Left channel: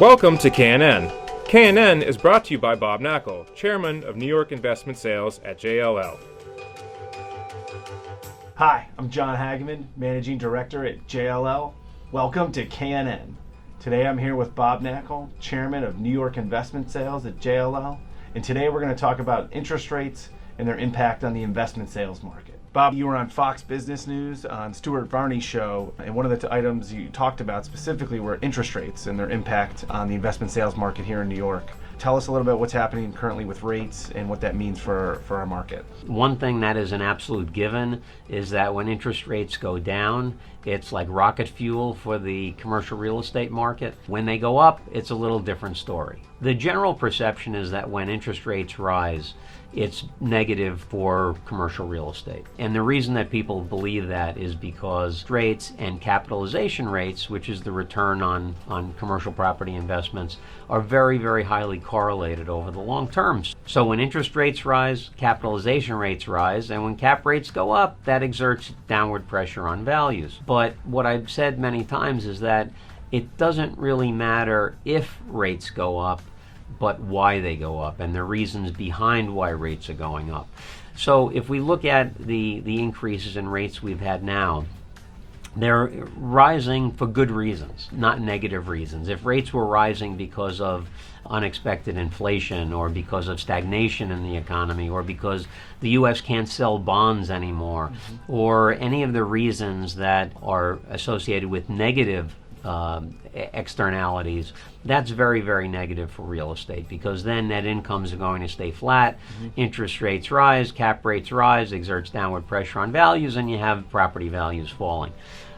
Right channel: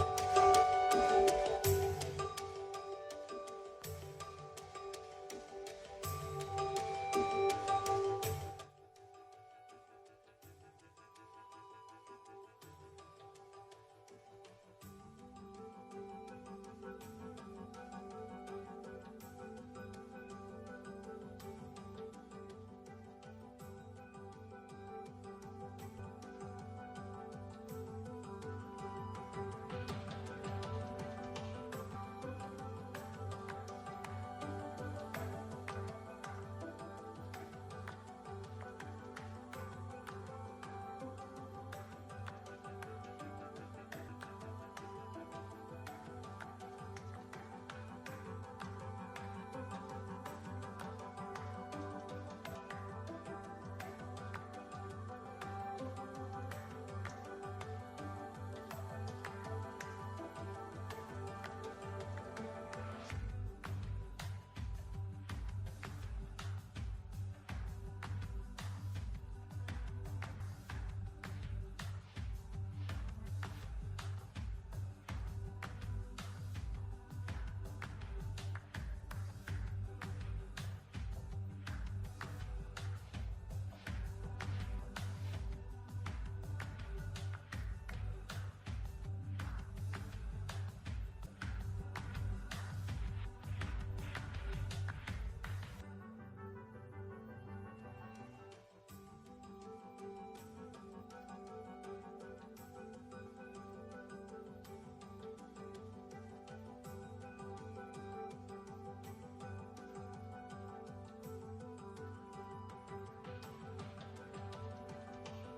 Welcome to KNN. KNN is brought to you by Bob Knakal, Chairman of New York Investment Sales at JLL. Hi, I'm John Hageman, Managing Director at JLL. Welcome to KNN. Today I'm here with Bob Knakal, Chairman of New York Investment Sales at JLL. And today we're going to talk about interest rates and their impact on the investment sales market. Bob, you were on Fox Business News on Stuart Varney's show, and one of the items you talked about specifically were interest rates and their impact on the investment sales market here in New York. Tell us a little bit what's happening currently with rates and what that means for our market. One thing that is an absolute given is that when interest rates go down, it's like rocket fuel for the commercial real estate market. When they go up, it's a little different story. The general perception is that when interest rates rise, it's negative for commercial real estate. And the reason that people believe that is because rates and capitalization rates, which is the return on commercial property investments, are very, very highly correlated over the long terms. So when interest rates rise, capitalization rates rise, and when cap rates go up, that exerts downward pressure on values. But what I've said many times is that it doesn't really matter if rates go up, but why they go up and the reasons behind why rates are going up. So if we look at the increases in rates we've had now, they're rising for good reasons, not negative reasons. If rates were rising because of unexpected inflation or because of stagnation in the economy or because the U.S. can't sell bonds anymore, or any of the reasons that are associated with negative externalities, that's very, very negative for real estate, because then net incomes are going to stay flat, interest rates rise, cap rates rise, exerts downward pressure on values, and you have property values falling.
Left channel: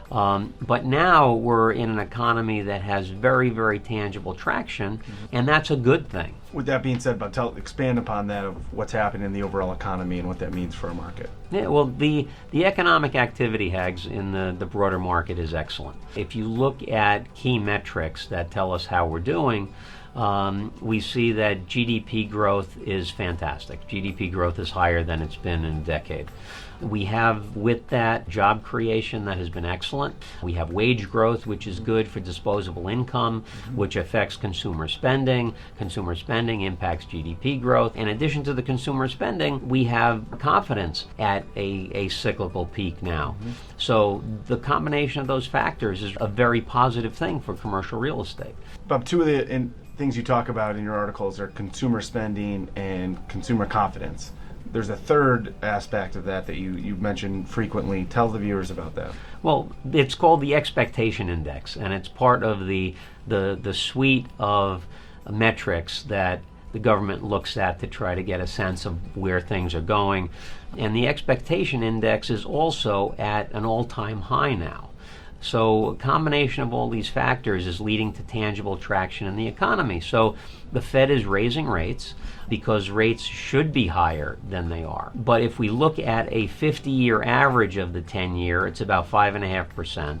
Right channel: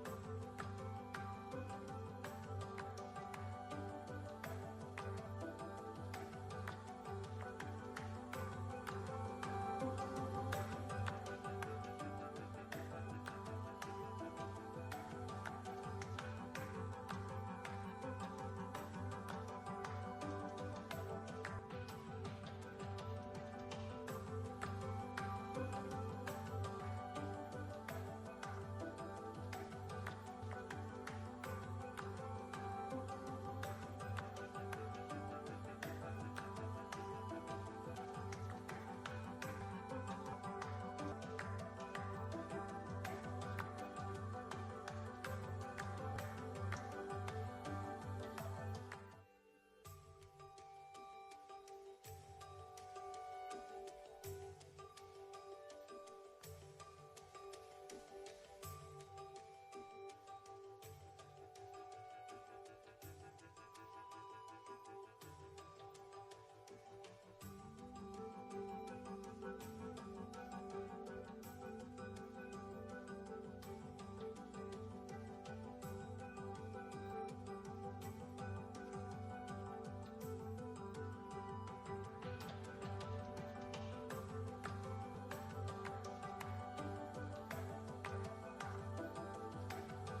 But now we're in an economy that has very, very tangible traction, and that's a good thing. With that being said, expand upon that of what's happening in the overall economy and what that means for our market. Yeah, well, the economic activity, Hags, in the broader market is excellent. If you look at key metrics that tell us how we're doing, we see that GDP growth is fantastic. GDP growth is higher than it's been in a decade. We have, with that, job creation that has been excellent. We have wage growth, which is good for disposable income, which affects consumer spending. Consumer spending impacts GDP growth. In addition to the consumer spending, we have confidence at a cyclical peak now. So the combination of those factors is a very positive thing for commercial real estate. Bob, two of the things you talk about in your articles are consumer spending and consumer confidence. There's a third aspect of that you mention frequently. Tell the viewers about that. Well, it's called the expectation index, and it's part of the suite of metrics that the government looks at to try to get a sense of where things are going. And the expectation index is also at an all-time high now. So a combination of all these factors is leading to tangible traction in the economy. So the Fed is raising rates because rates should be higher than they are. But if we look at a 50-year average of the 10-year, it's about 5.5%.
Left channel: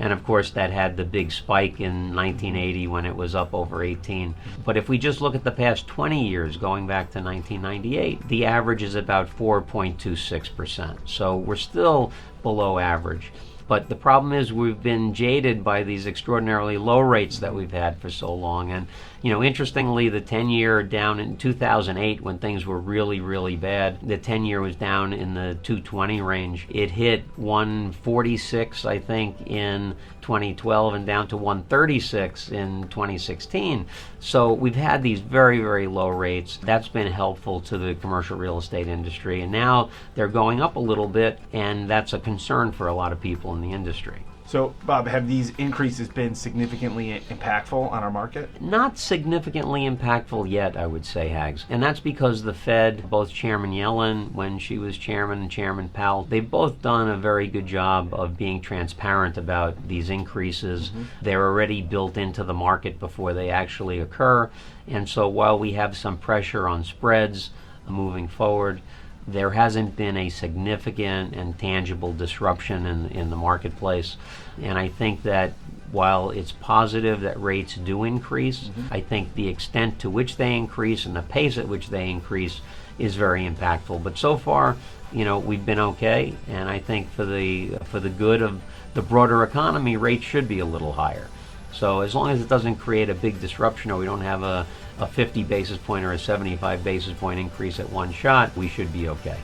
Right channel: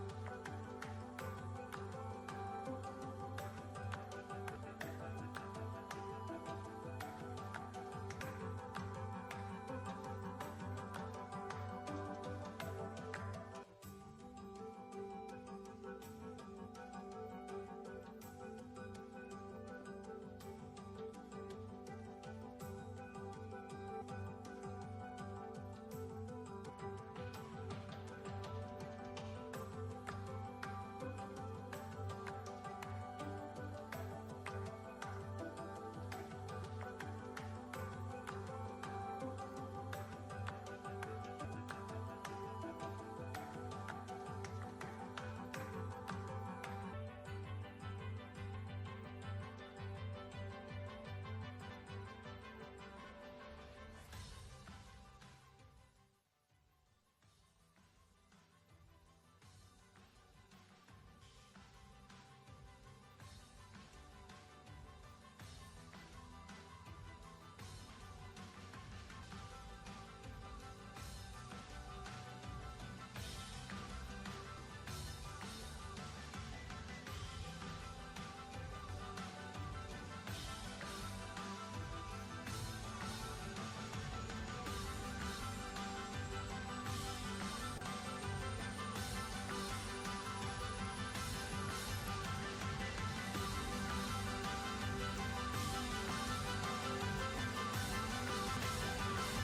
And of course, that had the big spike in 1980 when it was up over 18. But if we just look at the past 20 years, going back to 1998, the average is about 4.26%. So we're still below average. But the problem is we've been jaded by these extraordinarily low rates that we've had for so long. And, interestingly, the 10-year down in 2008 when things were really, really bad, the 10-year was down in the 220 range. It hit 146, I think, in 2012 and down to 136 in 2016. So we've had these very, very low rates. That's been helpful to the commercial real estate industry. And now they're going up a little bit, and that's a concern for a lot of people in the industry. So, Bob, have these increases been significantly impactful on our market? Not significantly impactful yet, I would say, Hags. And that's because the Fed, both Chairman Yellen, when she was chairman, and Chairman Powell, they've both done a very good job of being transparent about these increases. They're already built into the market before they actually occur. And so while we have some pressure on spreads moving forward, there hasn't been a significant and tangible disruption in the marketplace. And I think that while it's positive that rates do increase, I think the extent to which they increase and the pace at which they increase is very impactful. But so far, we've been okay, and I think for the good of the broader economy, rates should be a little higher. So as long as it doesn't create a big disruption, or we don't have a 50 basis point or a 75 basis point increase at one shot, we should be okay.